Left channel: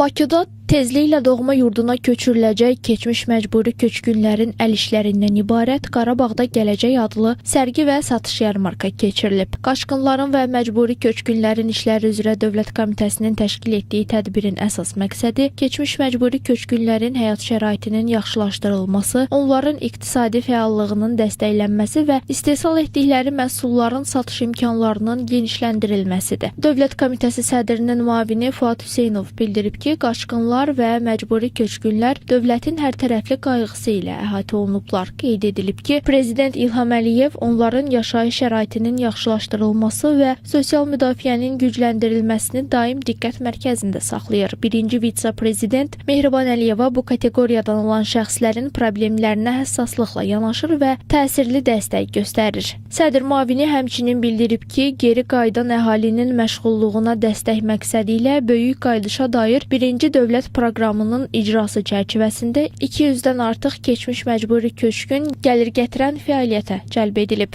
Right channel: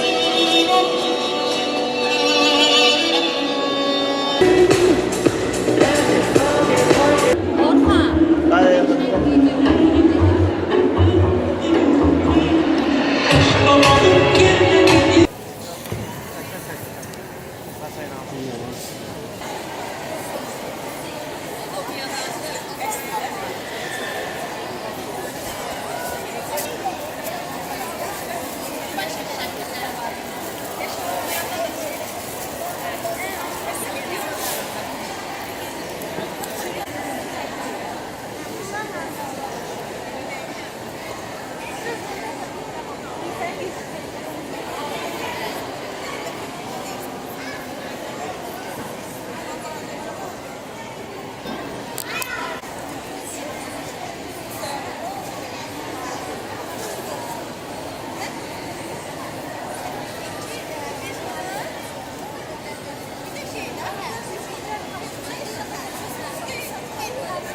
Bakıda tezliklə doğma yurduna köçürüləcək keçmiş məcburi köçkünlərin əl işlərindən ibarət Qarabağda Gələcək adlı sərgi və satış yarmarkası keçirilib. Qaçqınların və məcburi köçkünlərin işləri üzrə Dövlət Komitəsinin təşkil etdiyi tədbirin əsas məqsədi keçmiş məcburi köçkünlərin həyat şəraitinin yaxşılaşdırılması, onların iqtisadi fəallığının dəstəklənməsi və istehsal etdikləri məhsulların satış imkanlarının genişləndirilməsidir. Dövlət Komitəsi sədrinin müavini Fuad Hüseynov bildirib ki, qaçqınlar və məcburi köçkünlər dövlətin hərtərəfli qayğısı ilə əhatə olunublar. Qeyd edilib ki, Prezident İlham Əliyev onların yaşayış şəraitinin yaxşılaşdırılması və sosial müdafiənin gücləndirilməsini daim diqqət mərkəzində saxlayır. Birinci vitse-prezident Mehriban Əliyeva bu kateqoriyadan olan şəxslərin problemlərinə həssaslıqla yanaşır və təsirli dəstək göstərir. Sədr müavini həmçinin bildirib ki, geri qayıdan əhalinin məşğulluğuna dəstək məqsədi ilə böyük qayıdışa dair birinci dövlət proqramının icrası çərçivəsində 200-dən artıq keçmiş məcburi köçkün gəlir gətirən fəaliyyətə cəlb edilib.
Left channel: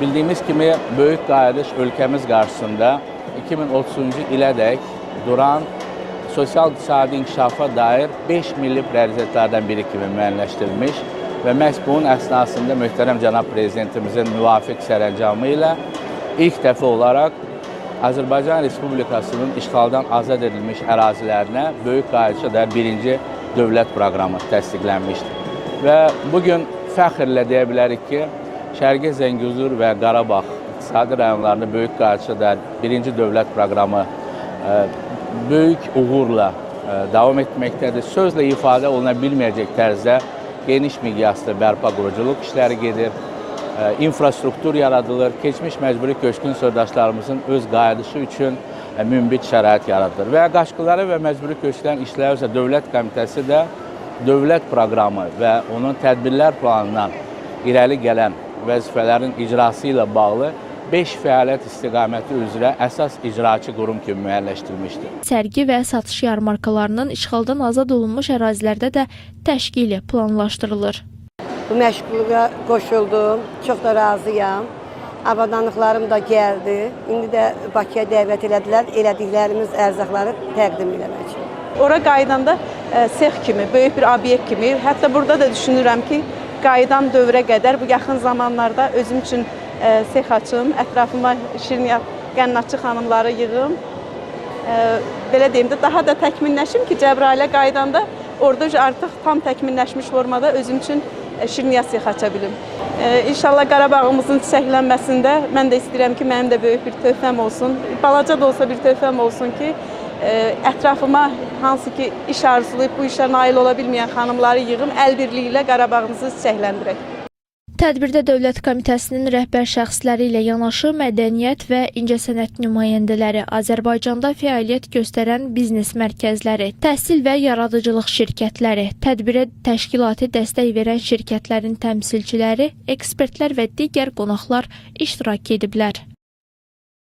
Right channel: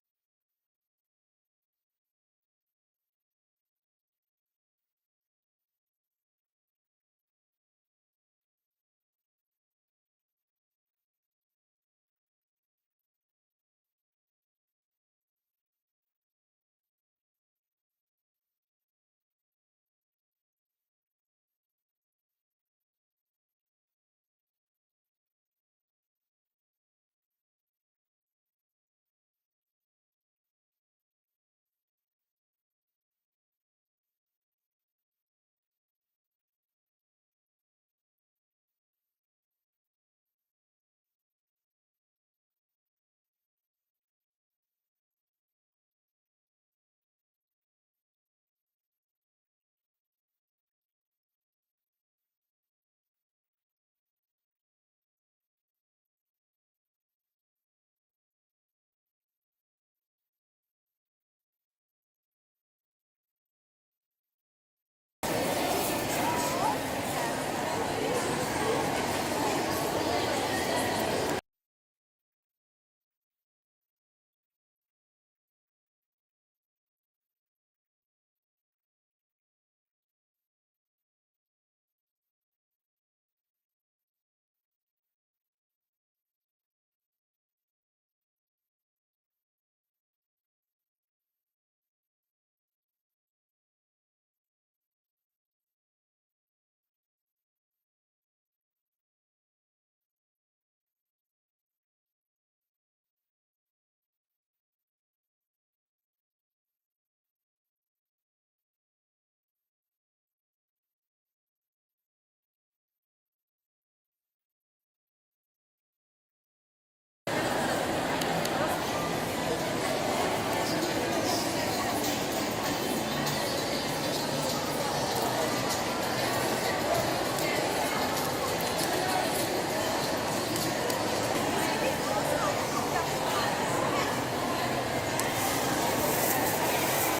Bildiyimiz kimi böyük qayıdış ölkəmiz qarşısında 2030-cu ilədək duran sosial-iqtisadi inkişafa dair 5 milli prioritetlərdən biri kimi müəyyənləşdirilmiş və məhz bunun əsnasında möhtərəm cənab prezidentimizin müvafiq sərəncamı ilə ilk dəfə olaraq Azərbaycan Respublikasının işğaldan azad edilmiş ərazilərinə böyük qayıdışa dair birinci dövlət proqramı təsdiqlənmişdir. Və bugün fəxrlə deyə bilərik ki, Şərqi Zəngəzur və Qarabağ iqtisadi rayonlarında böyük qayıdışa dair birinci dövlət proqramı böyük uğurla davam etməkdədir. Sözlə ifadə oluna bilməyəcək tərzdə geniş miqyaslı bərpa quruculuq işləri gedir. İnfrastruktur yaradılır, keçmiş məcburi köçkün soydaşlarımızın öz qayıdışı üçün münbit şərait yaradılır. Və qaçqınları və məcburi köçkünlərin işləri üzrə Dövlət Komitəsi də dövlət proqramı və onun tədbirlər planından irəli gələn vəzifələrin icrası ilə bağlı 5 fəaliyyət istiqaməti üzrə əsas icraçı qurum kimi müəyyənləşdirilmişdir. Sərgi və satış yarmarkalarının işğaldan azad olunmuş ərazilərdə də təşkili planlaşdırılır. Bu məşğulluğa qoşuldum, çox da razıyam. Avadanlıqlarım da gəldi. İndi də Bakıya dəvət elədilər, elədiklərimiz ərzaqları təqdim eləmək üçün. Ora qayıdanda sex kimi, böyük bir obyekt kimi, hətta burada da düşünürəm ki, qayıdan dövrə qədər bu yaxın zamanlarda özüm üçün sex açım, ətrafıma şirniyyat, qənnatçı xanımları yığım. Belə deyim də, daha da təkmilləşim ki, Cəbrailə qaydanda orada artıq tam təkmilləşmiş formada özüm üçün şirniyyat sex aça bilim. İnşallah Qarabağımızın çiçəklənməsində mən də istəyirəm ki, mənim də böyük bir töhfəm olsun. Balaca da olsa bir töhfəm olsun ki, ətrafıma hansı ki iş arzulayıb bu işə nail ola bilməyən xanımları yığım, əl birliyi ilə Qarabağımızı çiçəkləndirək. Tədbirdə Dövlət Komitəsinin rəhbər şəxsləri ilə yanaşı mədəniyyət və incəsənət nümayəndələri, Azərbaycanda fəaliyyət göstərən biznes mərkəzləri, təhsil və yaradıcılıq şirkətləri, tədbirə təşkilati dəstək verən şirkətlərin təmsilçiləri, ekspertlər və digər qonaqlar iştirak ediblər.